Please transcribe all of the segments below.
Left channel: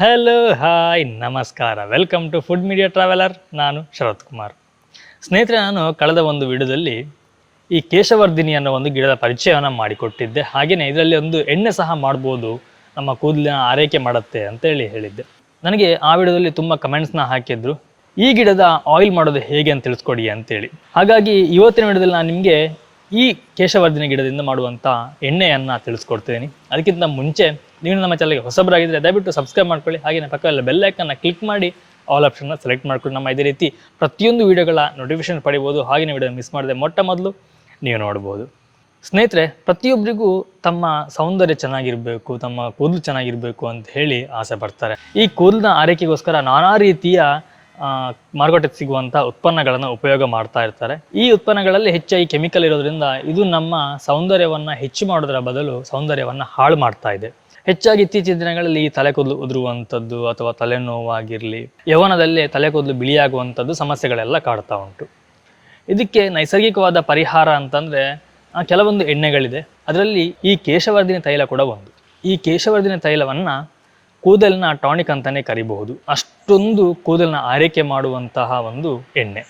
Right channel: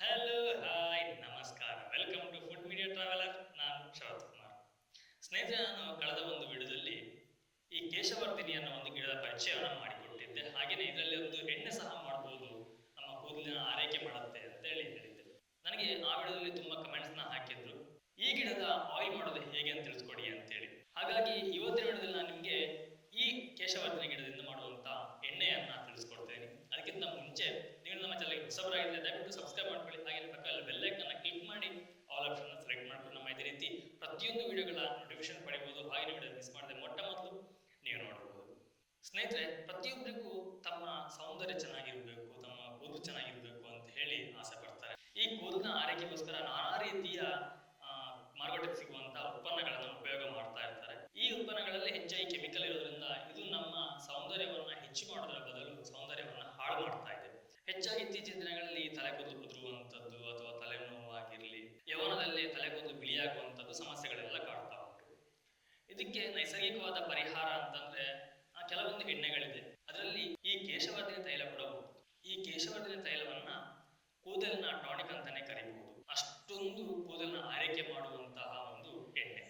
Hello hi ನಮಸ್ಕಾರ, welcome to food media traveller. ನಾನು ಶರತ್ ಕುಮಾರ್. ಸ್ನೇಹಿತರೆ, ನಾನು ಕಳೆದ ಒಂದು ವಿಡಿಯೋದಲ್ಲಿ ಈ ಕೇಶವರ್ಧಿನಿ ಅನ್ನೋ ಒಂದು ಗಿಡದ ಪರಿಚಯವನ್ನು ಮಾಡಿಕೊಟ್ಟಿದ್ದೆ. ಹಾಗೆಯೇ ಇದರಲ್ಲಿ ಒಂದು ಎಣ್ಣೆ ಸಹ ಮಾಡ್ಬೋದು, ನಮ್ಮ ಕೂದಲಿನ ಆರೈಕೆ ಮಾಡುತ್ತೆ ಅಂತೇಳಿ ಹೇಳಿದ್ದೆ. ನನಗೆ ಆ ವಿಡಿಯೋದಲ್ಲಿ ತುಂಬ ಕಮೆಂಟ್ಸ್ನ ಹಾಕಿದ್ರು, ಈ ಗಿಡದ ಆಯಿಲ್ ಮಾಡೋದು ಹೇಗೆ ಅಂತ ತಿಳಿಸ್ಕೊಡಿ ಅಂತೇಳಿ. ಹಾಗಾಗಿ ಇವತ್ತಿನ ವಿಡಿಯೋದಲ್ಲಿ ನಾನು ನಿಮಗೆ ಈ ಕೇಶವರ್ಧಿನಿ ಗಿಡದಿಂದ ಮಾಡುವಂಥ ಎಣ್ಣೆಯನ್ನು ತಿಳಿಸ್ಕೊಡ್ತೀನಿ. ಅದಕ್ಕಿಂತ ಮುಂಚೆ ನೀವು ನಮ್ಮ ಚಾನಲ್ಗೆ ಹೊಸಬರಾಗಿದ್ದರೆ ದಯವಿಟ್ಟು ಸಬ್ಸ್ಕ್ರೈಬ್ ಮಾಡ್ಕೊಳ್ಳಿ. ಹಾಗೆಯೇ ಪಕ್ಕದಲ್ಲಿ ಬೆಲ್ ಐಕನ್ನ ಕ್ಲಿಕ್ ಮಾಡಿ ಆಲ್ ಆಪ್ಷನ್ನ ಸೆಲೆಕ್ಟ್ ಮಾಡ್ಕೊಂಡು ನಮ್ಮ ಇದೇ ರೀತಿ ಪ್ರತಿಯೊಂದು ವೀಡಿಯೋಗಳ ನೋಟಿಫಿಕೇಶನ್ ಪಡಿಬೋದು. ಹಾಗೆಯೇ ವಿಡಿಯೋ ಮಿಸ್ ಮಾಡದೆ ಮೊಟ್ಟ ಮೊದಲು ನೀವು ನೋಡ್ಬೋದು. ಸ್ನೇಹಿತರೆ, ಪ್ರತಿಯೊಬ್ಬರಿಗೂ ತಮ್ಮ ಸೌಂದರ್ಯ ಚೆನ್ನಾಗಿರಬೇಕು, ತಮ್ಮ ಕೂದಲು ಚೆನ್ನಾಗಿರಬೇಕು ಅಂತ ಹೇಳಿ ಆಸೆ ಪಡ್ತಾರೆ. ಈ ಕೂದಲಿನ ಆರೈಕೆಗೋಸ್ಕರ ನಾನಾ ರೀತಿಯ ಮಾರುಕಟ್ಟೆಗೆ ಸಿಗುವಂಥ ಉತ್ಪನ್ನಗಳನ್ನು ಉಪಯೋಗ ಮಾಡ್ತಾ ಇರ್ತಾರೆ. ಈ ಉತ್ಪನ್ನಗಳಲ್ಲಿ ಹೆಚ್ಚಾಗಿ ಕೆಮಿಕಲ್ ಇರೋದ್ರಿಂದ ಇದು ನಮ್ಮ ಸೌಂದರ್ಯವನ್ನು ಹೆಚ್ಚು ಮಾಡೋದರ ಬದಲು ಸೌಂದರ್ಯವನ್ನು ಹಾಳು ಮಾಡ್ತಾ ಇದೆ. ಹೆಚ್ಚಾಗಿ ಇತ್ತೀಚಿನ ದಿನಗಳಲ್ಲಿ ಈ ತಲೆ ಕೂದಲು ಉದುರುವಂಥದ್ದು ಅಥವಾ ತಲೆನೋವಾಗಿರಲಿ, ಯೌವನದಲ್ಲೇ ತಲೆ ಕೂದಲು ಬಿಳಿಯಾಗುವಂಥದ್ದು ಸಮಸ್ಯೆಗಳೆಲ್ಲ ಕಾಡ್ತಾ ಉಂಟು. ಇದಕ್ಕೆ ನೈಸರ್ಗಿಕವಾದ ಪರಿಹಾರ ಅಂತಂದರೆ ಕೆಲವೊಂದು ಎಣ್ಣೆಗಳಿದೆ. ಅದರಲ್ಲಿ ಈ ಕೇಶವರ್ಧಿನಿ ತೈಲ ಕೂಡ ಒಂದು. ಈ ಕೇಶವರ್ಧಿನಿ ತೈಲವನ್ನು ಕೂದಲಿನ ಟಾನಿಕ್ ಅಂತಲೇ ಕರಿಬಹುದು. ಅಷ್ಟೊಂದು ಕೂದಲಿನ ಆರೈಕೆ ಮಾಡುವಂತಹ ಒಂದು ಎಣ್ಣೆ.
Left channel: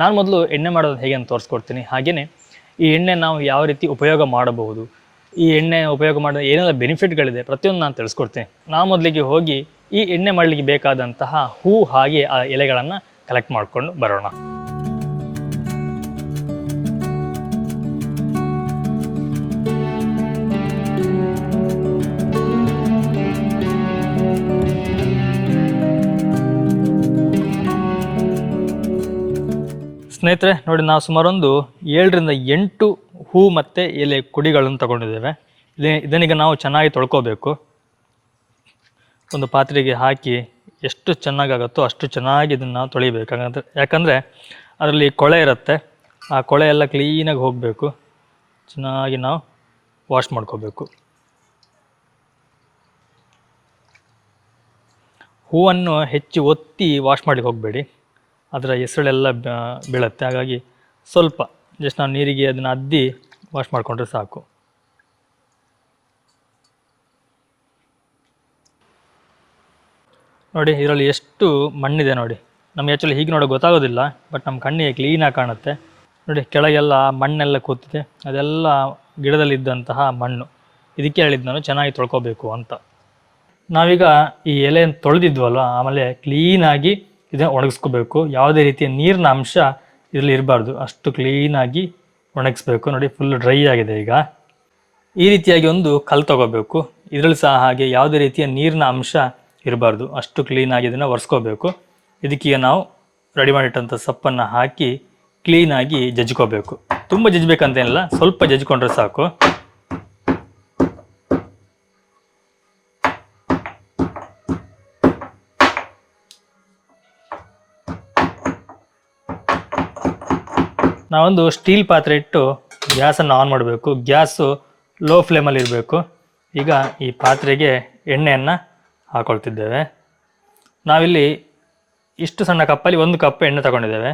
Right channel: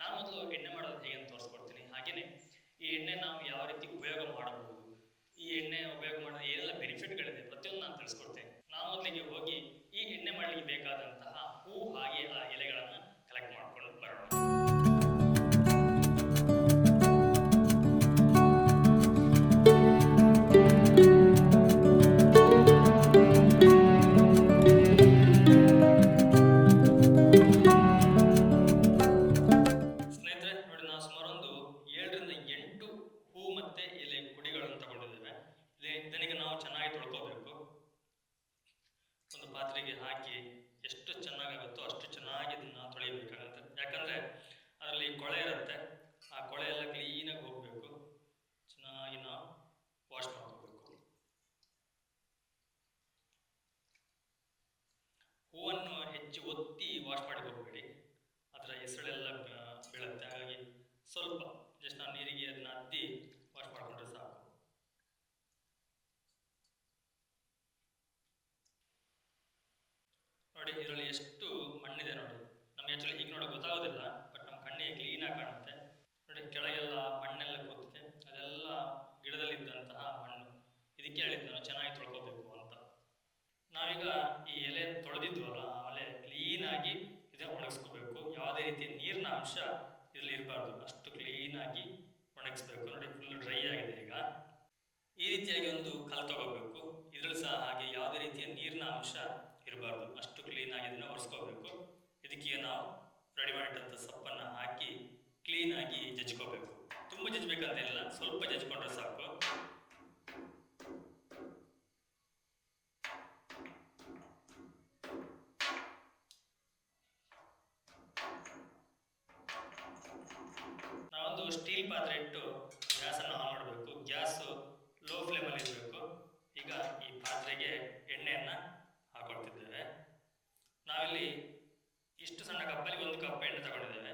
ನಾನು ಮೊದಲು ಎಣ್ಣೆ ಮಾಡೋದು ಹೇಗೆ ಅಂತ ತೋರಿಸ್ಕೊಡ್ತೀನಿ. ಹಾಗೆಯೇ ಈ ಎಣ್ಣೆ ನಾವು ಯಾವ ರೀತಿ ಉಪಯೋಗ ಮಾಡಬಹುದು, ಈ ಎಣ್ಣೆ ಉಪಯೋಗ ಮಾಡಿದ ಏನೆಲ್ಲ ಬೆನಿಫಿಟ್ಗಳಿದೆ ಪ್ರತಿಯೊಂದು ನಾನು ತಿಳಿಸ್ಕೊಡ್ತೀನಿ. ನಾವು ಮೊದಲಿಗೆ ಹೋಗಿ ಈ ಎಣ್ಣೆ ಮಾಡಲಿಕ್ಕೆ ಬೇಕಾದಂತಹ ಹೂ ಹಾಗೆ ಆ ಎಲೆಗಳನ್ನು ಕಲೆಕ್ಟ್ ಮಾಡಿಕೊಂಡು ಬರೋಣ. ಸ್ನೇಹಿತರೆ ನೋಡಿ, ನಾವು ಸುಮಾರೊಂದು 7 ರಿಂದ 8 ಹೂ ಮತ್ತು ಎಲೆ ಕುಡಿಗಳನ್ನು ತಗೊಂಡಿದ್ದೇವೆ. ಇದನ್ನೀಗ ನಾವು ಚೆನ್ನಾಗಿ ತೊಳ್ಕೊಬೇಕು. ಒಂದು ಪಾತ್ರೆಗೆ ಹಾಕಿ ಎಷ್ಟು ಚೆನ್ನಾಗಾಗುತ್ತೋ ಅಷ್ಟು ಚೆನ್ನಾಗಿ ಇದನ್ನು ನಾವು ತೊಳಿಬೇಕು. ಯಾಕಂದರೆ ಅದರಲ್ಲಿ ಕೊಳೆ ಇರುತ್ತೆ, ಆ ಕೊಳೆ ಎಲ್ಲ ಕ್ಲೀನಾಗಿ ಹೋಗಬೇಕು. ಚೆನ್ನಾಗಿ ನಾವು ವಾಶ್ ಮಾಡ್ಕೋಬೇಕು. ಹೂವನ್ನು ಹೆಚ್ಚು ಒತ್ತಿ ವಾಶ್ ಮಾಡಲಿಕ್ಕೆ ಹೋಗಬೇಡಿ, ಅದರ ಹೆಸಳೆಲ್ಲ ಬೀಳುತ್ತೆ. ಹಾಗಾಗಿ ಸ್ವಲ್ಪ ಜಸ್ಟ್ ನಾವು ನೀರಿಗೆ ಅದನ್ನು ಅದ್ದಿ ವಾಶ್ ಮಾಡಿಕೊಂಡ್ರೆ ಸಾಕು. ನೋಡಿ, ಇದರಲ್ಲಿ ಎಷ್ಟು ಮಣ್ಣಿದೆ ನೋಡಿ. ನಮಗೆ ಆ್ಯಕ್ಚುಲಿ ಹೀಗೆ ನೋಡೋಕೆ ಗೊತ್ತಾಗೋದಿಲ್ಲ, ಬಟ್ ನಮ್ಮ ಕಣ್ಣಿಗೆ ಕ್ಲೀನಾಗಿ ಕಾಣುತ್ತೆ. ನೋಡಿ, ಕೆಳಗೆಲ್ಲ ಮಣ್ಣೆಲ್ಲ ಕೂತಿದೆ, ಅದೆಲ್ಲ ಗಿಡದಲ್ಲಿದ್ದಂತಹ ಮಣ್ಣು. ಇದಕ್ಕೆ ಹೇಳಿದ್ದು ನಾನು ಚೆನ್ನಾಗಿ ತೊಳ್ಕೊಬೇಕು ಅಂತ. ನಾವೀಗ ಈ ಎಲೆಯನ್ನು ತೊಳೆದಿದ್ವಲ್ವ, ಆಮೇಲೆ ಕ್ಲೀನಾಗಿ ಇದನ್ನು ಒಣಗಿಸ್ಕೋಬೇಕು. ಯಾವುದೇ ರೀತಿಯ ನೀರಿನ ಅಂಶ ಇದರಲ್ಲಿ ಇರಬಾರ್ದು, ಅಷ್ಟು ಕ್ಲೀನಾಗಿ ಒಣಗಿಸ್ಬೇಕು. ನೋಡಿ, ಫುಲ್ ಡ್ರೈ ಆಗಿದೆ. ಈಗ ಈ ರೀತಿಯಾಗಿ ಒಂದು ಕಲ್ಲು ತಗೋಬೇಕು. ಇದರಲ್ಲಿ ಸಹ ಹಾಗೆ ಯಾವುದೇ ರೀತಿಯ ನೀರಿನ ಅಂಶ ಇರಬಾರ್ದು, ಅಷ್ಟು ಕ್ಲೀನಾಗಿ ಇದನ್ನು ಒರೆಸ್ಕೋಬೇಕು. ಇದಕ್ಕೀಗ ನಾವು ರೆಡಿ ಮಾಡಿಟ್ಟಂಥ ಸೊಪ್ಪನ್ನು ಹಾಕಿ ಕ್ಲೀನಾಗಿ ಜಜ್ಕೋಬೇಕು. ತುಂಬ ಜಜ್ಬೇಕಂತೇನಿಲ್ಲ, ಸ್ವಲ್ಪ ಜಜ್ಕೊಂಡ್ರೆ ಸಾಕು. ನಾವೊಂದು ಸ್ಟೀಲ್ ಪಾತ್ರೆ ಇಟ್ಟು ಗ್ಯಾಸನ್ನು ಆನ್ ಮಾಡಬೇಕು. ಗ್ಯಾಸು ಲೋ ಫ್ಲೇಮಲ್ಲಿ ಇರಬೇಕು. ಈಗ ಈ ಪಾತ್ರೆಗೆ ಎಣ್ಣೆಯನ್ನು ಹಾಕೊಳ್ತಿದ್ದೇವೆ. ನಾವಿಲ್ಲಿ ಇಷ್ಟು ಸಣ್ಣ ಕಪ್ಪಲ್ಲಿ 1 ಕಪ್ ಎಣ್ಣೆ ತಗೊಂಡಿದ್ದೇವೆ.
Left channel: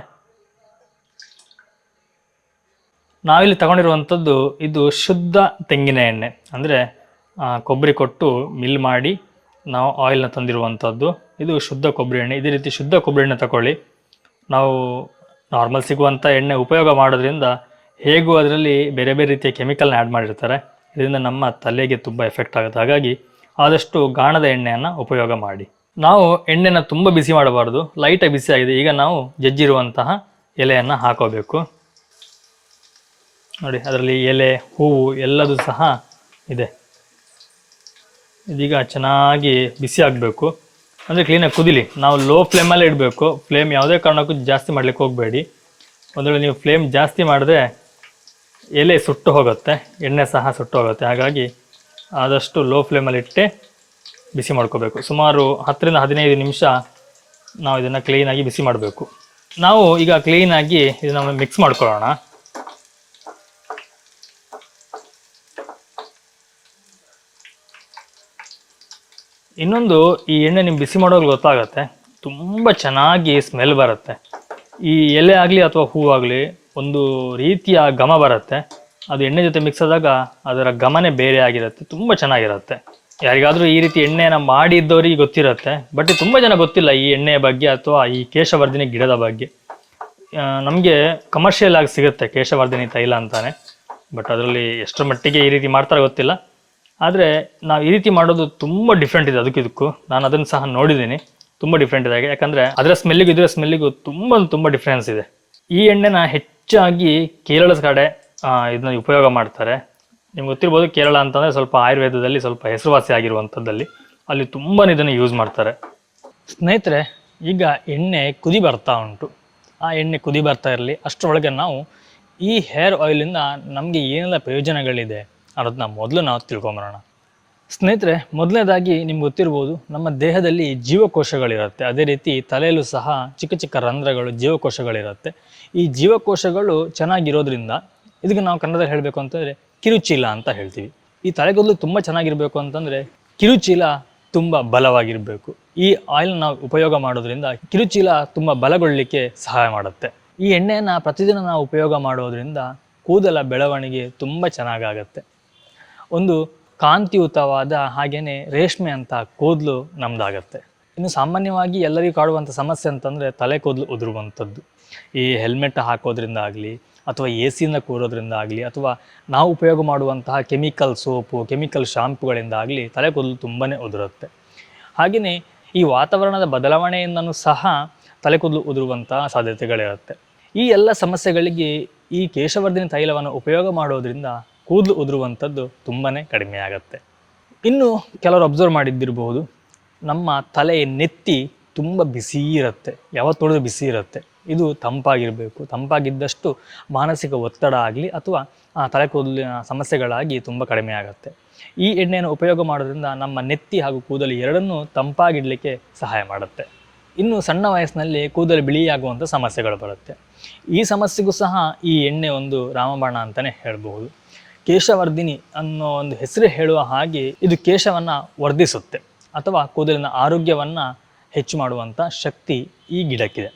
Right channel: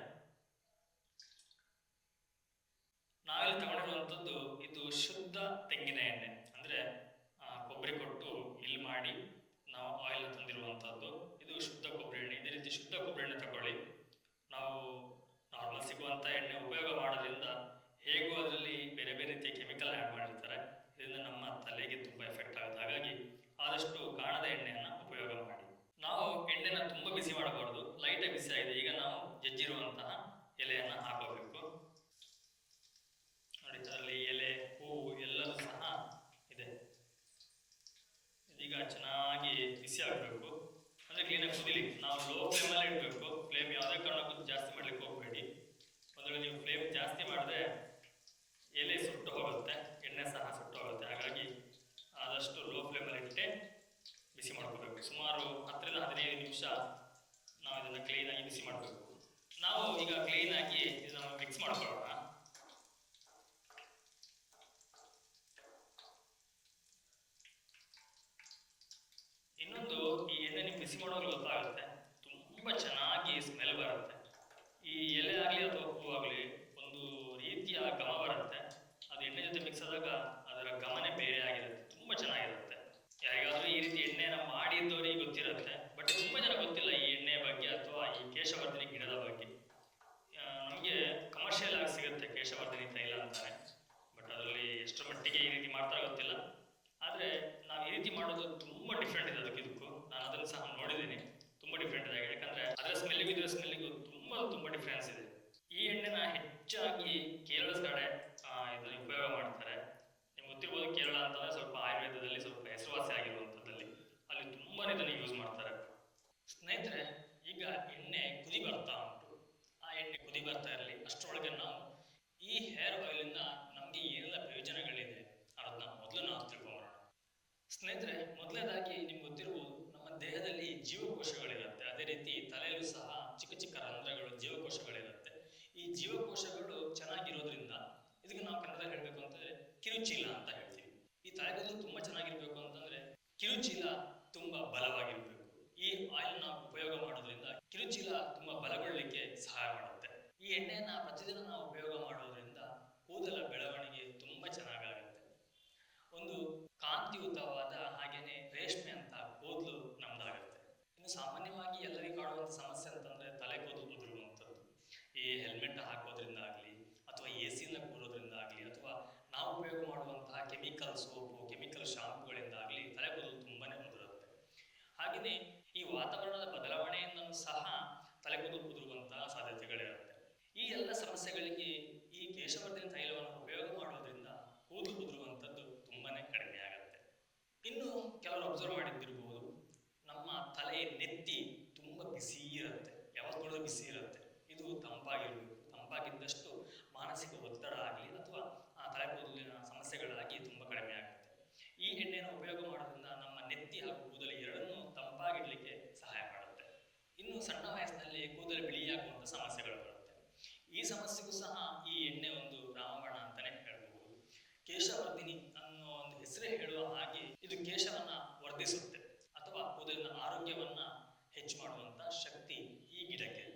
ನಾವಿಲ್ಲಿ ತಗೊಂಡಿರುವಂಥದ್ದು ಇದು ಶುದ್ಧ ತೆಂಗಿನ ಎಣ್ಣೆ, ಅಂದರೆ ಕೊಬ್ಬರಿ ಕೊಟ್ಟು ಮಿಲ್ ಮಾಡಿ ನಾವು ಆಯಿಲ್ನ ತಂದಿರುವಂಥದ್ದು. ಇದು ಶುದ್ಧ ಕೊಬ್ಬರಿ ಎಣ್ಣೆ. ಇದೇ ರೀತಿ ಶುದ್ಧ ಕೊಬ್ಬರಿ ಎಣ್ಣೆ ತಗೊಳ್ಳಿ. ನಾವು ನಾರ್ಮಲ್ ಸಿಗುವಂಥ ಎಣ್ಣೆ ಉಪಯೋಗ ಮಾಡೋದ್ರಿಂದ ಹೇಗೂ ಅದರಲ್ಲಿ ಬೇರೆ ಬೇರೆ ರೀತಿಯ ಕೆಮಿಕಲ್ನ ಆ್ಯಡ್ ಮಾಡಿರ್ತಾರೆ. ಇದರಿಂದ ನಮ್ಮ ತಲೆಗೆ ತುಂಬ ಎಫೆಕ್ಟ್ ಆಗುತ್ತೆ. ಹಾಗಾಗಿ ಆದಷ್ಟು ಗಾಣದ ಎಣ್ಣೆಯನ್ನು ಉಪಯೋಗ ಮಾಡಿ. ನಾವು ಎಣ್ಣೆನ ತುಂಬ ಬಿಸಿ ಮಾಡಬಾರ್ದು, ಲೈಟಾಗಿ ಬಿಸಿ ಆಗಿದೆ. ಈಗ ನಾವು ಜಜ್ಜಿರುವಂತಹ ಎಲೆಯನ್ನು ಹಾಕೋಬೇಕು. ನೋಡಿ, ಅದರಲ್ಲಿ ಎಲೆ, ಹೂವು ಎಲ್ಲದೂ ಸಹ ಇದೆ. ಇದೀಗ ಚೆನ್ನಾಗಿ ಬಿಸಿ ಆಗಬೇಕು, ಅಂದರೆ ಕ್ಲೀನಾಗಿ ಕುದಿಲಿ. ನಾವು ಲೋ ಫ್ಲೇಮಲ್ಲೇ ಇಡಬೇಕು. ಫ್ಲೇಮ್ ಯಾವುದೇ ಕಾರಣಕ್ಕೂ ಜಾಸ್ತಿ ಮಾಡಲಿಕ್ಕೆ ಹೋಗಬೇಡಿ. ಒಂದು ವೇಳೆ ನೀವು ಫ್ಲೇಮ್ ಜಾಸ್ತಿ ಮಾಡಿದ್ರೆ ಎಲೆ ಸುಟ್ಟು ಹೋಗುತ್ತೆ, ಎಣ್ಣೆ ಸಹ ಸುಟ್ಟು ಹೋಗುತ್ತೆ. ಹಾಗಾಗಿ ಆದಷ್ಟು ಲೋ ಫ್ಲೇಮಲ್ಲಿ ಇಟ್ಟೆ ಬಿಸಿ ಮಾಡ್ಕೋಬೇಕು. ಸುಮಾರು 10 ರಿಂದ 15 ನಿಮಿಷ ನಾವು ಇದನ್ನು ಕ್ಲೀನಾಗಿ ಬಿಸಿ ಮಾಡಬೇಕು. ನಾವು ಈಗ ಕ್ಲೀನಾಗಿ ಇದನ್ನು ಮಿಕ್ಸ್ ಮಾಡ್ಕೊಳ್ಳೋಣ. ಇನ್ನೊಂದು, ಈ ಎಣ್ಣೆ ನಿಮ್ಗೆ ಬಿಸಿ ಮಾಡೋವಾಗ ಗೊತ್ತಾಗುತ್ತೆ, ತುಂಬ ಚೆನ್ನಾಗಿ ಸ್ಮೆಲ್ ಬರುತ್ತೆ. ಈ ಎಲೆ ಆಗಲಿ ಅಥವಾ ಹೂವಾಗಲಿ ಒಂದು ರೀತಿಯ ಘಮ ಬರುತ್ತೆ. ಅದು ಎಣ್ಣೆ ಜೊತೆ ಮಿಕ್ಸ್ ಆದಾಗ ಅದರ ಘಮನೇ ಬೇರೆ ಆಗಿರುತ್ತೆ, ತುಂಬ ಚೆನ್ನಾಗಿರುತ್ತೆ. ಯಾರಿಗಾದರೂ ಈ ರೀತಿ ಎಣ್ಣೆನ ಮಾಡಿದ್ದವರಿಗೆ ಗೊತ್ತಿರುತ್ತೆ, ಬಟ್ ತುಂಬ ಜನ ಗೊತ್ತಿಲ್ಲ ಈ ಎಣ್ಣೆಯ ಬಗ್ಗೆ ಅಥವಾ ಈ ಕೇಶವರ್ಧಿನಿ ಗಿಡದ ಬಗ್ಗೆ. ನಮಗೆ ಕಮರ್ಷಿಯಲ್ ಆಗಿ ಸಿಗುತ್ತೆ ಕೇಶವರ್ಧಿನಿ ತೈಲ ಅಂತಾನೆ, ಬಟ್ ಅದರಲ್ಲಿ ಎಷ್ಟರ ಮಟ್ಟಿಗೆ ಈ ರೀತಿ ಮಾಡ್ತಾರೆ ಗೊತ್ತಿಲ್ಲ. ಆದರೆ ನಾವು ಈ ರೀತಿ ಮಾಡೋದು ತುಂಬ ಡಿಫ್ರೆಂಟ್ ಇದೆ ಅದಕ್ಕಿದಕ್ಕೂ. ನಾನು ಅದನ್ನು ಸಹ ನೋಡಿದ್ದೀನಿ, ತುಂಬ ಡಿಫ್ರೆಂಟ್ ಇದೆ. ಯಾಕಂದರೆ ಅದರ ಸ್ಮೆಲ್ಲಿಗೂ ಇದರ ಸ್ಮೆಲ್ಲಿಗೂ ತುಂಬ ಡಿಫ್ರೆನ್ಸ್ ಇದೆ. ಈ ಎಣ್ಣೆನ ಹೆಚ್ಚಾಗಿ ಕೇರಳದ ಕಡೆ ಇದನ್ನ ಉಪಯೋಗ ಮಾಡ್ತಾರೆ. ನಿಮ್ಗೆ ಗೊತ್ತಿರ್ಬೋದು, ಕೇರಳ ಅಂತಂದರೆ ಸ್ವಲ್ಪ ಆಯುರ್ವೇದದಲ್ಲಿ ಸ್ವಲ್ಪ ಹೆಸರುವಾಸಿ ಆಗಿರುವಂಥದ್ದಲ್ಲಿ ಅಲ್ಲಿ ತುಂಬಾ ಇದನ್ನು ಯೂಸ್ ಮಾಡ್ತಾರೆ. ಸ್ನೇಹಿತರೆ, ಈಗ ಎಣ್ಣೆ ಕುದಿ ಬರ್ತಾ ಉಂಟು. ಆ ಎಣ್ಣೆ ಕುದಿ ಬರ್ತಾ ಇರಲಿ, ಅಷ್ಟರೊಳಗೆ ನಾವು ಈ ಹೇರ್ ಆಯಿಲಿಂದ ನಮಗೆ ಏನೆಲ್ಲ ಪ್ರಯೋಜನಗಳಿದೆ ಅನ್ನೋದನ್ನ ಮೊದಲು ನಾವು ತಿಳ್ಕೊಂಬರೋಣ. ಸ್ನೇಹಿತರೆ, ಮೊದಲನೇದಾಗಿ ನಿಮ್ಗೆ ಗೊತ್ತಿರ್ಬೋದು, ನಮ್ಮ ದೇಹದಲ್ಲಿ ಜೀವಕೋಶಗಳಿರುತ್ತೆ. ಅದೇ ರೀತಿ ತಲೆಯಲ್ಲೂ ಸಹ ಚಿಕ್ಕ ಚಿಕ್ಕ ರಂಧ್ರಗಳು, ಜೀವಕೋಶಗಳಿರುತ್ತೆ. ಈ ಜೀವಕೋಶಗಳು ಚೆನ್ನಾಗಿರೋದ್ರಿಂದ ಇದಕ್ಕೆ ನಾವು ಕನ್ನಡದಲ್ಲಿ ಹೇಳಬೇಕು ಅಂತಂದರೆ ಕಿರುಚೀಲ ಅಂತ ಹೇಳ್ತೀವಿ. ಈ ತಲೆಗೂದಲು ತುಂಬ ಚೆನ್ನಾಗಿರಬೇಕು ಅಂತಂದರೆ ಕಿರುಚೀಲ ತುಂಬ ಬಲವಾಗಿರಬೇಕು. ಈ ಆಯಿಲ್ ನಾವು ಉಪಯೋಗ ಮಾಡೋದ್ರಿಂದ ಕಿರುಚೀಲ ತುಂಬ ಬಲಗೊಳ್ಳಲಿಕ್ಕೆ ಸಹಾಯ ಮಾಡುತ್ತೆ. ಈ ಎಣ್ಣೆಯನ್ನು ಪ್ರತಿದಿನ ನಾವು ಉಪಯೋಗ ಮಾಡೋದ್ರಿಂದ ಕೂದಲ ಬೆಳವಣಿಗೆ ತುಂಬ ಚೆನ್ನಾಗಾಗತ್ತೆ. ಒಂದು ಕಾಂತಿಯುತವಾದ ಹಾಗೆಯೇ ರೇಷ್ಮೆ ಅಂತ ಕೂದಲು ನಮ್ದಾಗತ್ತೆ. ಇನ್ನು ಸಾಮಾನ್ಯವಾಗಿ ಎಲ್ಲರಿಗೂ ಕಾಡುವಂಥ ಸಮಸ್ಯೆ ಅಂತಂದರೆ ತಲೆ ಕೂದಲು ಉದುರುವಂಥದ್ದು. ಈ ಹೆಲ್ಮೆಟ್ ಹಾಕೋದ್ರಿಂದ ಆಗಲಿ, ಅಥವಾ ಎ ಸಿಯಿಂದ ಕೂರೋದ್ರಿಂದ ಆಗಲಿ, ಅಥವಾ ನಾವು ಉಪಯೋಗ ಮಾಡುವಂತಹ ಕೆಮಿಕಲ್ ಸೋಪು, ಕೆಮಿಕಲ್ ಶಾಂಪುಗಳಿಂದ ಆಗಲಿ ತಲೆ ಕೂದಲು ತುಂಬಾ ಉದುರುತ್ತೆ. ಹಾಗೆಯೇ ಈ ವಾತಾವರಣದ ಬದಲಾವಣೆಯಿಂದನೂ ಸಹ ತಲೆ ಕೂದಲು ಉದುರುವಂತಹ ಸಾಧ್ಯತೆಗಳಿರುತ್ತೆ. ಈ ಎಲ್ಲ ಸಮಸ್ಯೆಗಳಿಗೆ ಈ ಕೇಶವರ್ಧಿನಿ ತೈಲವನ್ನು ಉಪಯೋಗ ಮಾಡೋದ್ರಿಂದ ಕೂದಲು ಉದುರುವಂಥದ್ದು ತುಂಬಾ ಕಡಿಮೆ ಆಗುತ್ತೆ. ಇನ್ನು ಕೆಲವರು ಅಬ್ಸರ್ವ್ ಮಾಡಿದ್ದಿರಬಹುದು, ನಮ್ಮ ತಲೆಯ ನೆತ್ತಿ ತುಂಬ ಬಿಸಿ ಇರುತ್ತೆ, ಯಾವತ್ತು ನೋಡಿದ್ರು ಬಿಸಿ ಇರುತ್ತೆ. ಇದು ತಂಪಾಗಿರಬೇಕು. ತಂಪಾಗಿದ್ದಷ್ಟು ಮಾನಸಿಕ ಒತ್ತಡ ಆಗಲಿ ಅಥವಾ ತಲೆ ಕೂದಲಿನ ಸಮಸ್ಯೆಗಳಾಗಿ ತುಂಬ ಕಡಿಮೆ ಆಗುತ್ತೆ. ಈ ಎಣ್ಣೆಯನ್ನು ಉಪಯೋಗ ಮಾಡೋದ್ರಿಂದ ನಮ್ಮ ನೆತ್ತಿ ಹಾಗೂ ಕೂದಲು ಎರಡನ್ನೂ ತಂಪಾಗಿಡಲಿಕ್ಕೆ ಸಹಾಯ ಮಾಡುತ್ತೆ. ಇನ್ನು ಸಣ್ಣ ವಯಸ್ಸಿನಲ್ಲಿ ಕೂದಲು ಬಿಳಿಯಾಗುವಂಥ ಸಮಸ್ಯೆಗಳು ಬರುತ್ತೆ. ಈ ಸಮಸ್ಯೆಗೂ ಸಹ ಈ ಎಣ್ಣೆ ಒಂದು ರಾಮಬಾಣ ಅಂತಲೇ ಹೇಳ್ಬೋದು. ಕೇಶವರ್ಧಿನಿ ಅನ್ನೋ ಒಂದು ಹೆಸರು ಹೇಳುವ ಹಾಗೆ ಇದು ಕೇಶವನ್ನು ವರ್ಧಿಸುತ್ತೆ ಅಥವಾ ಕೂದಲಿನ ಆರೋಗ್ಯವನ್ನು ಹೆಚ್ಚು ಮಾಡುವಂಥ ಶಕ್ತಿ ಈ ಗಿಡಕ್ಕಿದೆ.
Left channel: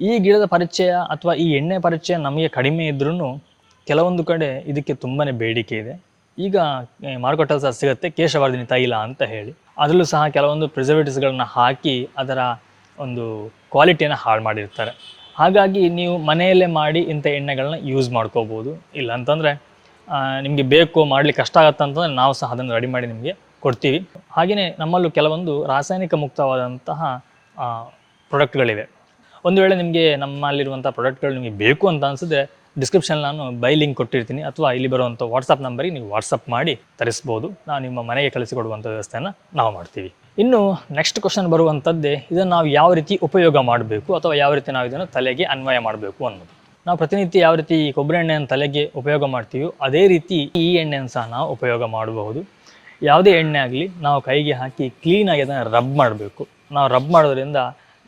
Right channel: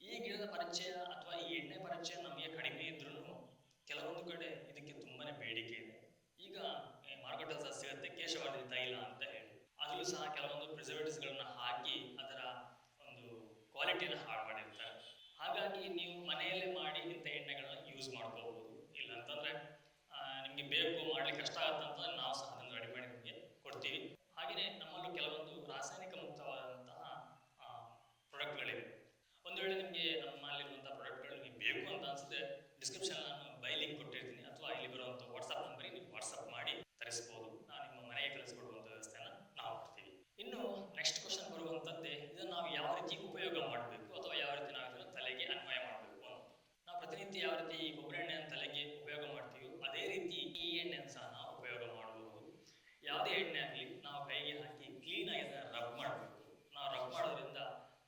ಈ ಗಿಡದ ಪರಿಚಯ ಅಥವಾ ಈ ಎಣ್ಣೆ ಪರಿಚಯ ನಮಗೆ ಕಡಿಮೆ ಇದ್ರೂ ಕೆಲವೊಂದು ಕಡೆ ಇದಕ್ಕೆ ತುಂಬಾ ಬೇಡಿಕೆ ಇದೆ. ಈಗ ಮಾರುಕಟ್ಟೆಯಲ್ಲಿ ಸಹ ಸಿಗುತ್ತೆ ಕೇಶವರ್ಧಿನಿ ತೈಲ ಅಂತ ಹೇಳಿ. ಅದರಲ್ಲೂ ಸಹ ಕೆಲವೊಂದು ಪ್ರಿಸರ್ವೇಟಿವ್ಸ್ಗಳನ್ನ ಹಾಕಿ ಅದರ ಒಂದು ಕ್ವಾಲಿಟಿಯನ್ನು ಹಾಳು ಮಾಡಿರ್ತಾರೆ. ಹಾಗಾಗಿ ನೀವು ಮನೆಯಲ್ಲೇ ಮಾಡಿ ಇಂಥ ಎಣ್ಣೆಗಳನ್ನ ಯೂಸ್ ಮಾಡ್ಕೋಬೋದು. ಇಲ್ಲ ಅಂತಂದರೆ ನಿಮಗೆ ಬೇಕು, ಮಾಡಲಿಕ್ಕೆ ಕಷ್ಟ ಆಗುತ್ತೆ ಅಂತಂದರೆ ನಾವು ಸಹ ಅದನ್ನು ರೆಡಿ ಮಾಡಿ ನಿಮಗೆ ಕೊಡ್ತೀವಿ. ಹಾಗೆಯೇ ನಮ್ಮಲ್ಲೂ ಕೆಲವೊಂದು ರಾಸಾಯನಿಕ ಮುಕ್ತವಾದಂತಹ ಪ್ರಾಡಕ್ಟ್ಗಳಿವೆ. ಒಂದು ವೇಳೆ ನಿಮಗೆ ನಮ್ಮಲ್ಲಿರುವಂಥ ಪ್ರಾಡಕ್ಟ್ಗಳು ನಿಮಗೆ ಬೇಕು ಅಂತ ಅನಿಸಿದ್ರೆ ಡಿಸ್ಕ್ರಿಪ್ಷನ್ ನಾನು ಬೈ ಲಿಂಕ್ ಕೊಟ್ಟಿರ್ತೀನಿ, ಅಥವಾ ಇಲ್ಲಿ ಬರುವಂಥ ವಾಟ್ಸಪ್ ನಂಬರಿಗೆ ನೀವು ವಾಟ್ಸಪ್ ಮಾಡಿ ತರಿಸ್ಬೋದು. ನಾವು ನಿಮ್ಮ ಮನೆಗೆ ಕಳಿಸಿಕೊಡುವಂಥ ವ್ಯವಸ್ಥೆಯನ್ನು ನಾವು ಮಾಡ್ತೀವಿ. ಇನ್ನು ನೆಕ್ಸ್ಟ್ ಕ್ವಶನ್ ಬರುವಂಥದ್ದೇ, ಇದನ್ನು ನಾವು ಯಾವ ರೀತಿ ಉಪಯೋಗ ಮಾಡಬೇಕು ಅಥವಾ ಯಾವ ರೀತಿ ನಾವು ಇದನ್ನು ತಲೆಗೆ ಅನ್ವಯ ಮಾಡಬೇಕು ಅನ್ನೋದು. ನಾವು ಪ್ರತಿನಿತ್ಯ ಯಾವ ರೀತಿ ಕೊಬ್ಬರಿ ಎಣ್ಣೆಯನ್ನು ತಲೆಗೆ ಉಪಯೋಗ ಮಾಡ್ತೀವೋ ಅದೇ ರೀತಿ ಈ ಎಣ್ಣೆಯನ್ನು ಸಹ ನಾವು ಉಪಯೋಗ ಮಾಡಬಹುದು. ಯಾವುದೇ ಎಣ್ಣೆ ಆಗಲಿ ನಾವು ಕೈಗೆ ಹಾಕಿ ಕ್ಲೀನಾಗಿ ಅದನ್ನು ರಬ್ ಮಾಡಬೇಕು. ನಾವು ರಬ್ ಮಾಡೋದ್ರಿಂದ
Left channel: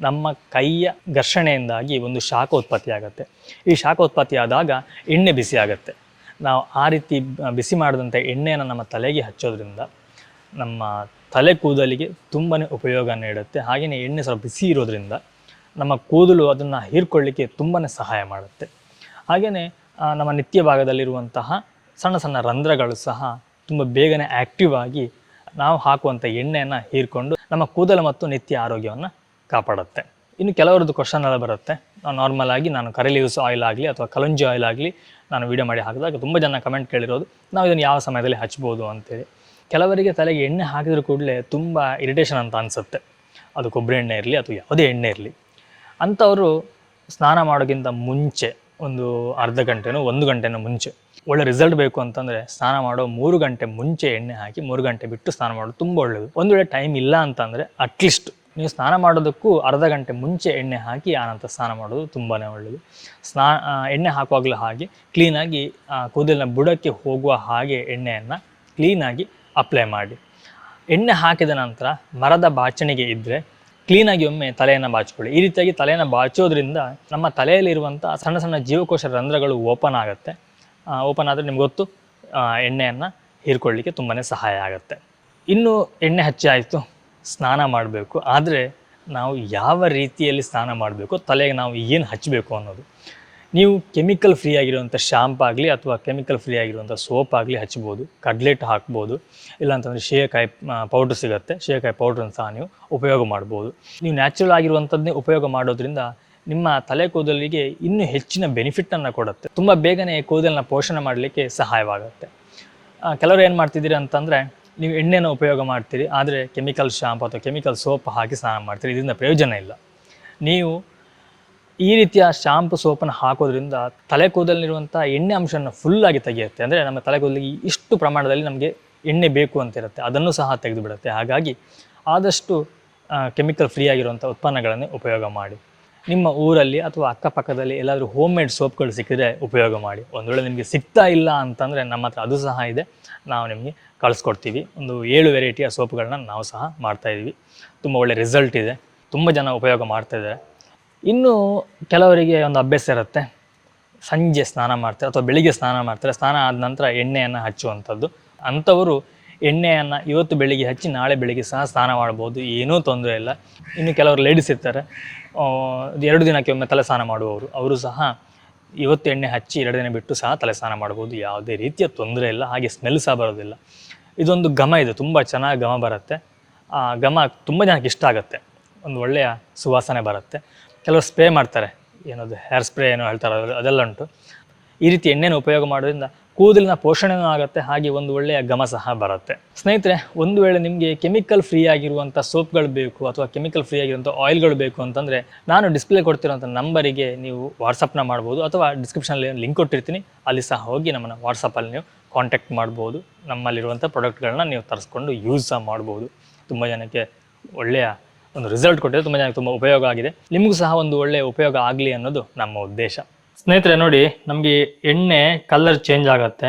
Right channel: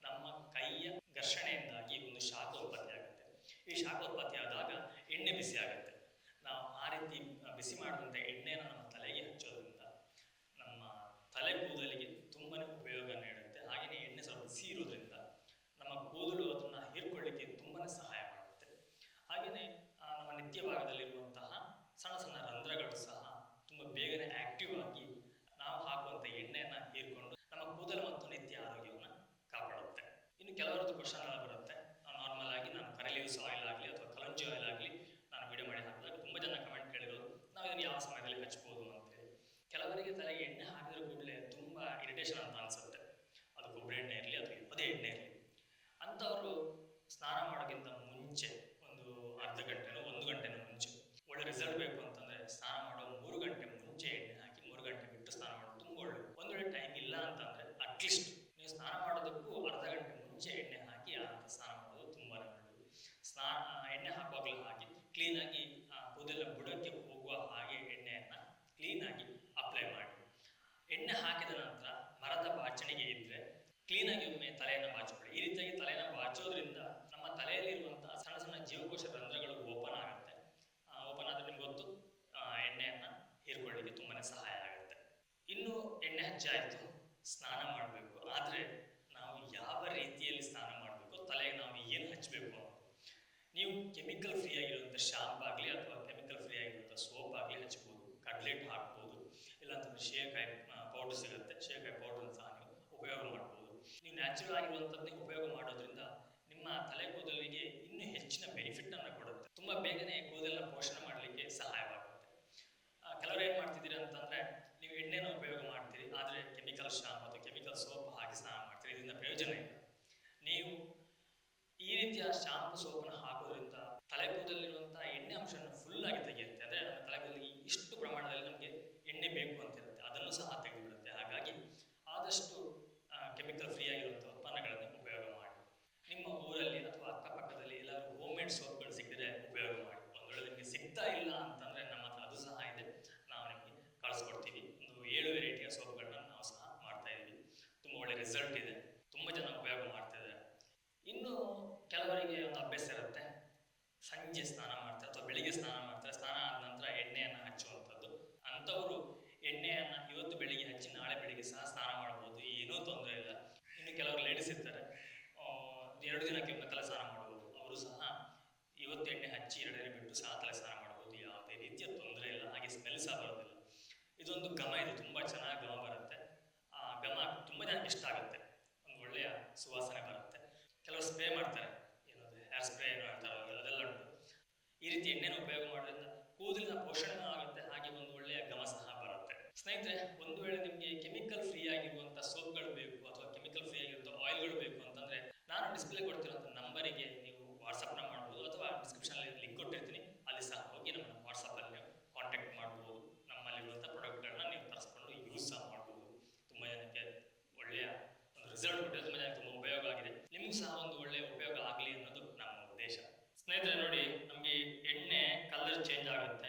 ನಮ್ಮ ಕೈಯ ಘರ್ಷಣೆಯಿಂದಾಗಿ ಒಂದು ಶಾಖ ಉತ್ಪತ್ತಿ ಆಗುತ್ತೆ. ಈ ಶಾಖ ಉತ್ಪತ್ತಿ ಆದಾಗ ಎಣ್ಣೆ ಬಿಸಿ ಆಗುತ್ತೆ. ನಾವು ಆ ರೀತಿ ಬಿಸಿ ಮಾಡಿದಂಥ ಎಣ್ಣೆಯನ್ನು ನಮ್ಮ ತಲೆಗೆ ಹಚ್ಚೋದ್ರಿಂದ ನಮ್ಮ ತಲೆ ಕೂದಲಿಗೆ ತುಂಬಾ ಉಪಯೋಗ ನೀಡುತ್ತೆ. ಹಾಗೆಯೇ ಎಣ್ಣೆ ಸ್ವಲ್ಪ ಬಿಸಿ ಇರೋದ್ರಿಂದ ನಮ್ಮ ಕೂದಲು ಅದನ್ನು ಹೀರ್ಕೊಳ್ಳಿಕ್ಕೆ ತುಂಬಾ ಸಹಾಯ ಮಾಡುತ್ತೆ. ಹಾಗೆಯೇ ನಮ್ಮ ನಿತ್ಯ ಭಾಗದಲ್ಲಿರುವಂತಹ ಸಣ್ಣ ಸಣ್ಣ ರಂಧ್ರಗಳು ಸಹ ತುಂಬ ಬೇಗನೆ ಆ್ಯಕ್ಟಿವ್ ಆಗಿ ನಾವು ಹಾಕುವಂಥ ಎಣ್ಣೆಯನ್ನು ಹೀರ್ಕೊಂಡು ನಮ್ಮ ಕೂದಲು ಮತ್ತು ನಿತ್ಯ ಆರೋಗ್ಯವನ್ನು ಕಾಪಾಡುತ್ತೆ. ಇನ್ನು ಕೆಲವರದ್ದು ಕ್ವಶನ್ ಎಲ್ಲ ಬರುತ್ತೆ. ನಾರ್ಮಲ್ ಆಗಿ ನಾನು ಕರಿ ಲೀವ್ಸ್ ಆಯಿಲ್ ಆಗಲಿ ಅಥವಾ ಕಲಂಜಿ ಆಯಿಲ್ ಆಗಲಿ ನಾನು ವೀಡಿಯೋ ಮಾಡಿ ಹಾಕಿದಾಗ ತುಂಬ ಜನ ಕಮೆಂಟ್ ಕೇಳಿರೋದು, ನಾವು ಇದನ್ನು ಯಾವ ಸಮಯದಲ್ಲಿ ಹಚ್ಬೋದು ಅಂತೇಳಿ. ಕೆಲವರಿಗೆ ತಲೆಗೆ ಎಣ್ಣೆ ಹಾಕಿದ್ರೂ ಕೂಡಲೇ ತುಂಬ ಇರಿಟೇಷನ್ ಅಂತ ಅನಿಸುತ್ತೆ. ಅದು ಕೊಬ್ಬರಿ ಎಣ್ಣೆ ಇರಲಿ ಅಥವಾ ಯಾವುದೇ ಎಣ್ಣೆ ಇರಲಿ. ಅಂಥವರು ಸ್ನಾನ ಮಾಡೋಕ್ಕಿಂತ ಮುಂಚೆ ಒಂದು ಅರ್ಧ ಗಂಟೆನೋ 1 ಗಂಟೆನೋ ಮುಂಚೆ ಒಳ್ಳೆ ರಿಸಲ್ಟ್ ಬೇಕು ಅಂತಂದರೆ ಸ್ನಾನ ಮಾಡೋ 3 ಗಂಟೆ ಮುಂಚೆ ಎಣ್ಣೆ ಹಾಕಿ 3 ಗಂಟೆ ಬಿಟ್ಟು ಸ್ನಾನ ಮಾಡೋದು ತುಂಬ ಒಳ್ಳೆಯದು. ಒಂದು ವೇಳೆ ಟೈಮ್ ಇಲ್ಲ ಅಂತಂದರೆ ಅಟ್ಲೀಸ್ಟ್ ನೀವು ಸ್ನಾನ ಮಾಡೋದಕ್ಕೂ ಅರ್ಧ ಗಂಟೆ ಮುಂಚೆ ಎಣ್ಣೆ ಹಾಕಿ ಆನಂತರ ಸ್ನಾನ ಮಾಡೋದು ತುಂಬಾ ಒಳ್ಳೆಯದು. ಎಣ್ಣೆ ಹಾಕುವಾಗಲೂ ಹಾಗೆ ಕ್ಲೀನಾಗಿ ಕೂದಲಿನ ಬುಡಕ್ಕೆ ಹೋಗುವ ಹಾಗೆ ಎಣ್ಣೆಯನ್ನು ಕ್ಲೀನಾಗಿ ಅಪ್ಲೈ ಮಾಡಿ. ಎಣ್ಣೆ ಹಾಕಿದ ನಂತರ ಮರದ ಬಾಚಣಿಗೆ ಇದ್ದರೆ ಕ್ಲೀನಾಗಿ ಒಮ್ಮೆ ತಲೆಯನ್ನು ಬಾಚಿಕೊಳ್ಳಿ. ಈ ರೀತಿಯಾಗಿ ತಲೆಯನ್ನು ಬಾಚೋದ್ರಿಂದ ನಮ್ಮ ತಲೆಯಲ್ಲಿರುವಂಥ ಸಣ್ಣ ಸಣ್ಣ ಜೀವಕೋಶ ರಂಧ್ರಗಳು ಓಪನ್ ಆಗುತ್ತೆ. ಓಪನ್ ಆದರೆ ನಿಮ್ಗೆ ಗೊತ್ತು, ಎಣ್ಣೆಯನ್ನು ಹೀರ್ಕೊಳ್ಳಿಕ್ಕೆ ತುಂಬಾ ಸಹಾಯ ಆಗುತ್ತೆ. ಇನ್ನು ಎಣ್ಣೆ ಹಚ್ಚಿ ಆಯಿತು, ಸ್ನಾನ ಮಾಡಬೇಕು. ಆದರೆ ನಾವು ಯಾವ ರೀತಿಯಲ್ಲಿ ಸ್ನಾನ ಮಾಡಬೇಕು, ತಲೆಗೆ ನಾವು ಏನು ಹಚ್ಚಬೇಕು ಅನ್ನೋದು. ನೀವು ಕೆಮಿಕಲ್ ಫ್ರೀ ಆಗಿರುವಂಥ ಶಾಂಪ್ ಆಗಲಿ ಅಥವಾ ಕೆಮಿಕಲ್ ಫ್ರೀ ಆಗಿರುವಂಥ ಸೋಪ್ ಆಗಲಿ ಹಚ್ಬೋದು, ಕಡ್ಲೆಟ್ ಹಾಕ್ಬೋದು, ಇಲ್ಲಾಂತಂದರೆ ಶೇಕಾಯಿ ಪೌಡ್ರ್ ಸಿಗುತ್ತೆ, ಶೇಕಾಯಿ ಪೌಡ್ರನ್ನು ಸಹ ನೀವು ಉಪಯೋಗ ಮಾಡ್ಬೋದು. ನೀವು ನ್ಯಾಚುರಲ್ ಆಗಿರುವಂಥದ್ದನ್ನೇ ಉಪಯೋಗ ಮಾಡೋದ್ರಿಂದ ನಿಮ್ಮ ತಲೆ ಕೂದಲಿಗೆ ಇನ್ನೂ ಹೆಚ್ಚಿನ ಬೆನಿಫಿಟನ್ನು ಕೊಡುತ್ತೆ. ತುಂಬ ಬೇಗನೆ ಕೂದಲನ್ನ ಪೋಷಣೆ ಮಾಡಲಿಕ್ಕೆ ಸಹಾಯವಾಗುತ್ತೆ. ಕೆಲವರು ಏನು ಮಾಡ್ತಿದ್ದೀರಿ ಅಂತಂದರೆ, ನೀವು ಎಣ್ಣೆನ ಉಪಯೋಗ ಮಾಡ್ತೀರಿ, ಆದರೆ ಕೆಮಿಕಲ್ ಶಾಂಪು ಅಥವಾ ಕೆಮಿಕಲ್ ಸೋಪ್ ಹಾಕಿ ಸ್ನಾನ ಮಾಡ್ತೀರಿ. ಇದರಿಂದ ಪ್ರಯೋಜನ ಇಲ್ಲ. ನೀವು ಈ ರೀತಿಯ ಶಾಂಪು ಸೋಪನ್ನು ಹಾಕೋದ್ರಿಂದ ತಲೆ ಕೂದಲಿರುವಂಥ ಎಣ್ಣೆ ಅಂಶವನ್ನು ಫುಲ್ಲಾಗಿ ತೆಗೆಯುತ್ತೆ. ಅಂದರೆ ನಮ್ಮ ತಲೆ ಕೂದಲಿಗೆ ಇಷ್ಟು ಪ್ರಮಾಣದಲ್ಲಿ ನಮಗೆ ಎಣ್ಣೆ ಬೇಕು ಅಂತಿರುತ್ತೆ, ಅದನ್ನು ಸಹ ತೆಗೆದು ಬಿಡುತ್ತೆ. ಹಾಗಾಗಿ ಆದಷ್ಟು ಕೆಮಿಕಲ್ ಫ್ರೀ ಆಗಿರುವಂಥ ಉತ್ಪನ್ನಗಳನ್ನೇ ಉಪಯೋಗ ಮಾಡಿ. ನಿಮ್ಮ ಊರಲ್ಲಿ ಅಥವಾ ಅಕ್ಕಪಕ್ಕದಲ್ಲಿ ಎಲ್ಲಾದರೂ ಹೋಮ್ ಮೇಡ್ ಸೋಪ್ಗಳು ಸಿಕ್ಕಿದ್ರೆ ಉಪಯೋಗ ಮಾಡಿ. ಒಂದು ವೇಳೆ ನಿಮಗೆ ಸಿಗ್ತಾ ಇಲ್ಲ ಅಂತಂದರೆ ನಮ್ಮ ಹತ್ರ ಅದು ಸಹ ಇದೆ, ನಾವು ನಿಮಗೆ ಕಳಿಸ್ಕೊಡ್ತೀವಿ. ಒಂದು 7 ವೆರೈಟಿಯ ಸೋಪ್ಗಳನ್ನ ನಾವು ಸಹ ಮಾಡ್ತಾಯಿದ್ವಿ. ತುಂಬ ಒಳ್ಳೆ ರಿಸಲ್ಟ್ ಇದೆ, ತುಂಬ ಜನ ಉಪಯೋಗ ಮಾಡ್ತಾಯಿದ್ದಾರೆ. ಇನ್ನು ಕೆಲವರಿಗೆ ಒಂದು ಅಭ್ಯಾಸ ಇರುತ್ತೆ, ಸಂಜೆ ಸ್ನಾನ ಮಾಡ್ತಾರೆ ಅಥವಾ ಬೆಳಿಗ್ಗೆ ಸ್ನಾನ ಮಾಡ್ತಾರೆ, ಸ್ನಾನ ಆದ ನಂತರ ಎಣ್ಣೆಯನ್ನು ಹಚ್ಚುವಂಥದ್ದು. ಅಂಥವರು ಎಣ್ಣೆಯನ್ನು ಇವತ್ತು ಬೆಳಿಗ್ಗೆ ಹಚ್ಚಿ ನಾಳೆ ಬೆಳಿಗ್ಗೆ ಸಹ ಸ್ನಾನ ಮಾಡ್ಬೋದು, ಏನೂ ತೊಂದರೆ ಇಲ್ಲ. ಇನ್ನು ಕೆಲವರು ಲೇಡೀಸ್ ಇರ್ತಾರೆ, 2 ದಿನಕ್ಕೆ ಒಮ್ಮೆ ತಲೆ ಸ್ನಾನ ಮಾಡುವವರು, ಅವರು ಸಹ ಇವತ್ತು ಎಣ್ಣೆ ಹಚ್ಚಿ 2 ದಿನ ಬಿಟ್ಟು ಸಹ ತಲೆ ಸ್ನಾನ ಮಾಡ್ಬೋದು, ಯಾವುದೇ ರೀತಿಯ ತೊಂದರೆ ಇಲ್ಲ. ಹಾಗೆ ಸ್ಮೆಲ್ ಸಹ ಬರೋದಿಲ್ಲ. ಇದೊಂದು ಘಮ ಇದೆ, ತುಂಬ ಚೆನ್ನಾಗಿ ಘಮ ಬರುತ್ತೆ. ಆ ಘಮ ತುಂಬ ಜನಕ್ಕೆ ಇಷ್ಟ ಆಗುತ್ತೆ, ಒಂದು ಒಳ್ಳೆಯ ಸುವಾಸನೆ ಬರುತ್ತೆ. ಕೆಲವರು ಸ್ಪ್ರೇ ಮಾಡ್ತಾರೆ, ಏನದು ಹೇರ್ ಸ್ಪ್ರೇ ಏನೋ ಹೇಳ್ತಾರೆ, ಅದೆಲ್ಲ ಉಂಟು. ಈ ರೀತಿ ಎಣ್ಣೆನ ಉಪಯೋಗ ಮಾಡೋದ್ರಿಂದ ಕೂದಲಿನ ಪೋಷಣೆಯೂ ಆಗುತ್ತೆ, ಹಾಗೆ ಒಂದು ಒಳ್ಳೆಯ ಘಮ ಸಹ ಬರುತ್ತೆ. ಸ್ನೇಹಿತರೆ, ಒಂದು ವೇಳೆ ನಿಮಗೆ ಕೆಮಿಕಲ್ ಫ್ರೀ ಆಗಿರುವಂಥ ಸೋಪ್ಗಳು ಬೇಕು ಅಥವಾ ಕೆಮಿಕಲ್ ಫ್ರೀ ಆಗಿರುವಂಥ ಆಯಿಲ್ಗಳು ಬೇಕು ಅಂತಂದರೆ, ನಾನು ಡಿಸ್ಪ್ಲೇ ಕೊಡ್ತಿರೋಂಥ ನಂಬರಿಗೆ ನೀವು ವಾಟ್ಸಪ್ನ ಮಾಡ್ಬೋದು, ಅಥವಾ ಡಿಸ್ಕ್ರಿಪ್ಷನಲ್ಲಿ ಲಿಂಕ್ ಕೊಟ್ಟಿರ್ತೀನಿ, ಅಲ್ಲಿ ಸಹ ಹೋಗಿ ನಮ್ಮನ್ನು ವಾಟ್ಸಪ್ಪಲ್ಲಿ ನೀವು ಕಾಂಟ್ಯಾಕ್ಟ್ ಮಾಡ್ಬೋದು. ನಮ್ಮಲ್ಲಿರುವಂಥ ಪ್ರಾಡಕ್ಟ್ಗಳನ್ನ ನೀವು ತರಿಸ್ಕೊಂಡು ಯೂಸ್ ಸಹ ಮಾಡ್ಬೋದು. ತುಂಬ ಜನಕ್ಕೆ ಒಳ್ಳೆಯ ಒಂದು ರಿಸಲ್ಟ್ ಕೊಟ್ಟಿದೆ, ತುಂಬ ಜನಕ್ಕೆ ತುಂಬ ಉಪಯೋಗ ಆಗಿದೆ. ನಿಮಗೂ ಸಹ ಒಂದು ಒಳ್ಳೆಯ ಉಪಯೋಗ ಆಗಲಿ ಅನ್ನೋದು ನಮ್ಮ ಉದ್ದೇಶ. ಸ್ನೇಹಿತರೆ ನೋಡಿ, ನಮಗೆ ಎಣ್ಣೆ ಕಲರ್ ಚೇಂಜ್ ಆಗುತ್ತೆ,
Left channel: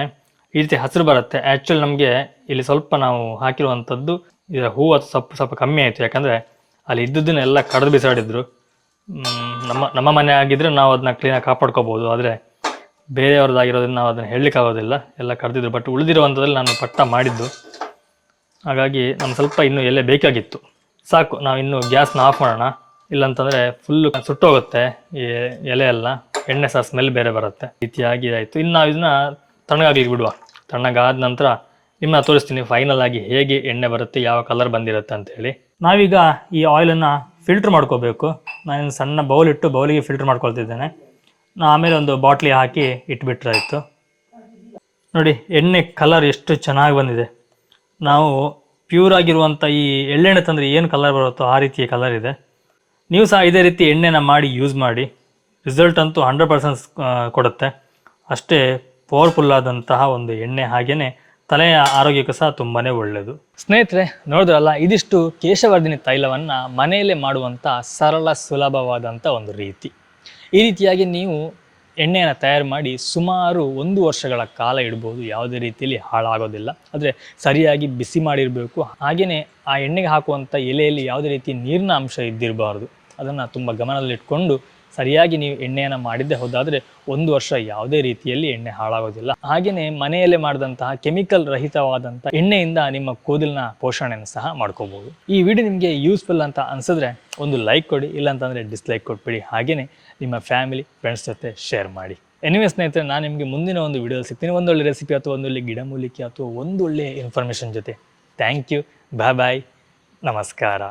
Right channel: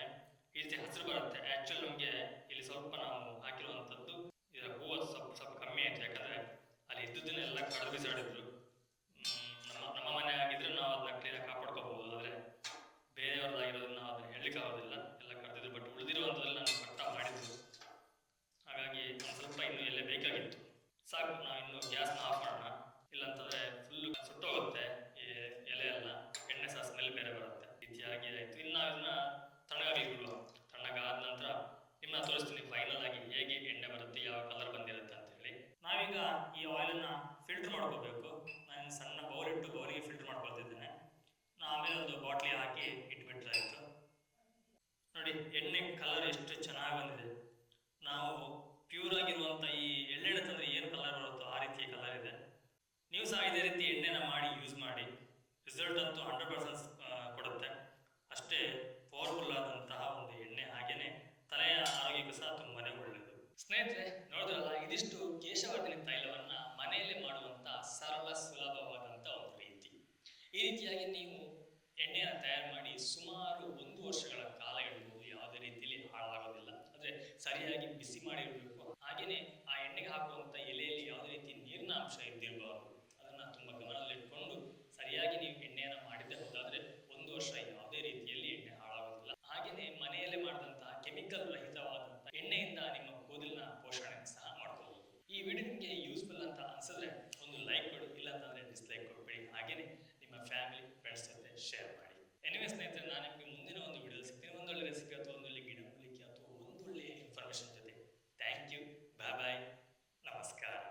ಈ ರೀತಿ ಹಸಿರು ಬರುತ್ತೆ. ಆ್ಯಕ್ಚುಲಿ ನಮಗೆ ಇಲ್ಲಿ ಸ್ವಲ್ಪ ನಾವು ಹಾಕಿರುವಂಥದ್ದು ಇದರ ಹೂವು ಸ್ವಲ್ಪ ಕಮ್ಮಿ ಆಯಿತು, ಯಾಕಂದರೆ ಅಲ್ಲಿ ಇದ್ದದ್ದನ್ನೆಲ್ಲ ಕಡಿದು ಬಿಸಾಡಿದ್ರು. ನಮ್ಮ ಮನೆ ಆಗಿದ್ದರೆ ನಾವು ಅದನ್ನ ಕ್ಲೀನಾಗಿ ಕಾಪಾಡ್ಕೋಬೋದು, ಆದರೆ ಬೇರೆಯವ್ರದ್ದಾಗಿರೋದ್ರಿಂದ ನಾವು ಅದನ್ನು ಹೇಳಲಿಕ್ಕಾಗೋದಿಲ್ಲ, ಎಲ್ಲ ಕಡ್ದಿದ್ರು. ಬಟ್ ಉಳಿದಿರುವಂಥದ್ರಲ್ಲಿ ನಾನು ಪಟ್ಟ ಮಾಡಿದ್ದು, ಹಾಗಾಗಿ ನಮ್ಗೆ ಸ್ವಲ್ಪ ಇನ್ನೂ ಎಲೆ ಬೇಕಾಗಿತ್ತು. ಸಾಕು, ನಾವು ಇನ್ನು ಗ್ಯಾಸ್ನ ಆಫ್ ಮಾಡೋಣ, ಇಲ್ಲಾಂತಂದರೆ ಫುಲ್ಲು ಸುಟ್ಟೋಗುತ್ತೆ ಈ ಎಲೆ ಎಲ್ಲ, ಎಣ್ಣೆ ಸಹ ಸ್ಮೆಲ್ ಬೇರೆ ಬರುತ್ತೆ. ರೀತಿಯಾಗಿ ಆಯಿತು. ಇನ್ನು ನಾವು ಇದನ್ನ ತಣ್ಣಗಾಗ್ಲಿಕ್ಕೆ ಬಿಡುವ. ತಣ್ಣಗಾದ ನಂತರ ನಿಮ್ಮನ್ನ ತೋರಿಸ್ತೀನಿ ಫೈನಲ್ ಆಗಿ ಹೇಗೆ ಎಣ್ಣೆ ಬರುತ್ತೆ, ಯಾವ ಕಲರ್ ಬಂದಿರುತ್ತೆ ಅಂತೇಳಿ. ನಾವೀಗ ಈ ಆಯಿಲನ್ನು ಫಿಲ್ಟ್ರ್ ಮಾಡ್ಕೋಬೇಕು. ನಾನು ಸಣ್ಣ ಬೌಲಿಗೆ ಫಿಲ್ಟ್ರ್ ಮಾಡ್ಕೊಳ್ತಿದ್ದೇನೆ. ಆಮೇಲೆ ಒಂದು ಬಾಟ್ಲಿ ಹಾಕಿ ಇಟ್ಬಿಟ್ರಾಯಿತು. ನೋಡಿ, ಎಣ್ಣೆ ಕಲರ್ ಎಷ್ಟು ಚೆನ್ನಾಗಿ ಬಂದಿದೆ. ನಾವು ಪ್ಯೂರ್ ಆಗಿರುವಂಥ ಈ ಎಳ್ಳೆಣ್ಣೆ ತಂದರೆ ಏನು ಕಲರ್ ಬರುತ್ತೋ ಆ ರೀತಿಯ ಕಲರ್ ಇದೆ. ನೀವು ಸಹ ಇದೇ ರೀತಿ ಎಣ್ಣೆನ ಮಾಡಿ ಯೂಸ್ ಮಾಡಿ, ರಿಸಲ್ಟ್ ಅಂತೂ 100% ಕೊಡುತ್ತೆ. ಅಷ್ಟೇ ಪವರ್ಫುಲ್ಲಾದಂತಹ ಒಂದು ಎಣ್ಣೆ, ಹಾಗೆಯೇ ತಲೆಯ ಆರೋಗ್ಯಕ್ಕೂ ಸಹ ತುಂಬಾ ಒಳ್ಳೆಯದು. ಸ್ನೇಹಿತರೆ, ನೋಡಿದ್ರಲ್ಲ, ಇದಿಷ್ಟು ಕೇಶವರ್ಧಿನಿ ತೈಲವನ್ನು ಮನೆಯಲ್ಲೇ ಮಾಡುವಂಥ ಸರಳ ಸುಲಭವಾದಂಥ ಒಂದು ರೀತಿ. ಈ ರೀತಿಯಾಗಿ ನೀವು ಎಣ್ಣೆಯನ್ನು ತಯಾರು ಮಾಡಿ ಸುಮಾರು 1 ವರ್ಷಗಳ ಕಾಲ ಇಡ್ಬೋದು, ಯಾವುದೇ ರೀತಿಯಲ್ಲಿ ಹಾಳಾಗೋದಿಲ್ಲ. ಆದರೆ ಸರಿಯಾಗಿ ಬಿಸಿ ಮಾಡಿರಬೇಕು. ಹಾಗೆಯೇ ಆ ಎಣ್ಣೆಗೆ ಹಾಕುವಂಥ ಎಲೆಯಲ್ಲಿ ಯಾವುದೇ ರೀತಿ ನೀರಿನ ಅಂಶ ಇದ್ದಿರಬಾರ್ದು. ಅದನ್ನು ತುಂಬ ಗಮನದಲ್ಲಿಟ್ಕೊಂಡು ಸರಿಯಾಗಿ ನೀವು ಎಣ್ಣೆಯನ್ನು ಮಾಡಿದ್ದೇ ಹೋದಾದರೆ 1 ವರ್ಷ ಯಾವುದೇ ರೀತಿಯಲ್ಲಿ ಎಣ್ಣೆ ಹಾಳಾಗೋದಿಲ್ಲ. ಹಾಗೆಯೇ ಮನೆಯಲ್ಲೇ ಮಾಡಿದಂತಹ ಕೆಮಿಕಲ್ ರಹಿತವಾದಂಥ ಎಣ್ಣೆಯಿಂದ ನಿಮ್ಮ ಕೂದಲಿನ ಪೋಷಣೆಯನ್ನು ಸಹ ಮಾಡ್ಕೋಬೋದು. ಈ ವಿಡಿಯೋ ನಿಮಗೆ ಯೂಸ್ಫುಲ್ ಅಂತ ಅನಿಸಿದ್ರೆ ಒಂದು ಲೈಕ್ ಕೊಡಿ, ಇಲ್ಲಾಂತಂದರೆ ಡಿಸ್ಲೈಕ್ ಕೊಟ್ಬಿಡಿ. ಹಾಗೆಯೇ ನಿಮ್ಮ ಫ್ಯಾಮಿಲಿ ಫ್ರೆಂಡ್ಸ್ ಜೊತೆ ಶೇರ್ ಮಾಡಿ. ಎನಿವೇ ಸ್ನೇಹಿತರೆ, ನಾನು ನಿಮಗೆ ಮುಂದಿನ ಒಂದು ವಿಡಿಯೋದಲ್ಲಿ ಸಿಗ್ತೀನಿ, ಒಂದೊಳ್ಳೆ ರೆಸಿಪಿ ಅಥವಾ ಒಂದೊಳ್ಳೆ ಗಿಡಮೂಲಿಕೆ ಅಥವಾ ಒಂದೊಳ್ಳೆ ಇನ್ಫಾರ್ಮೇಷನ್ ಜೊತೆ. ಥ್ಯಾಂಕ್ ಯು, ಬಾಯ್ ಬಾಯ್, ನಮಸ್ಕಾರ.